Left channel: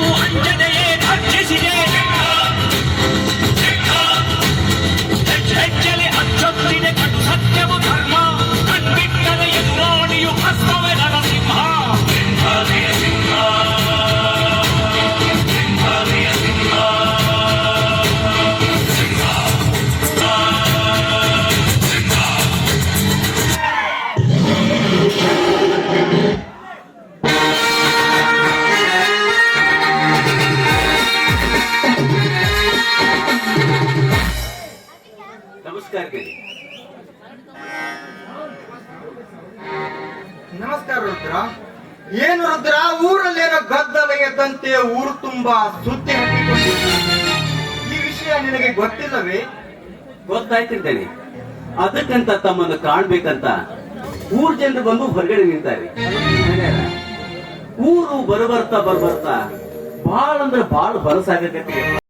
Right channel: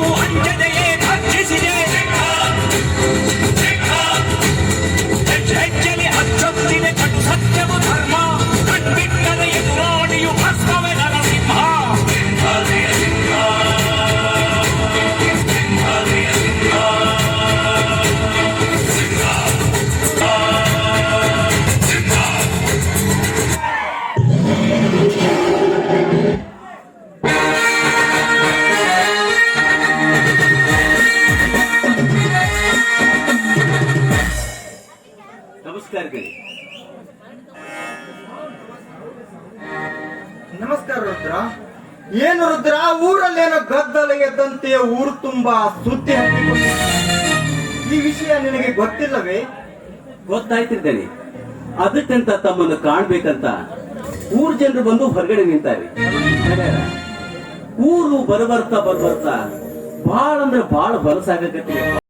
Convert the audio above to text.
அஞ்சதைய ನಮಸ್ಕಾರ ನಮಸ್ಕಾರ ರುದ್ರ. ಏನು ರುದ್ರ? ಊರಲ್ಲೇನೋ ಗದ್ದಲ ಎದ್ದಂತೆ ಊರು ತುಂಬಾ ಸುದ್ದಿ ಈ ವಿಷಯ ನಿನಗೆ ಗೊತ್ತಿಲ್ಲವೇ? ಗೊತ್ತಾಯ್ತಿದ್ದೇನೆ ಅದಕ್ಕಂತ ತಮ್ಮನ್ನು ಕಾಣ್ಬೇಕಂತ ಊರ್ ಜನರು ಬಂದು ಹೊರಗಡೆ ನಿಂತಾರೆ. ಊರು ಬರಬರ್ತಾ ಬರಬರ್ತಾ ಬಾಳ ಅಂದ್ರೆ ಬಾಳ ಬಲಸಾಗತ್ತೆ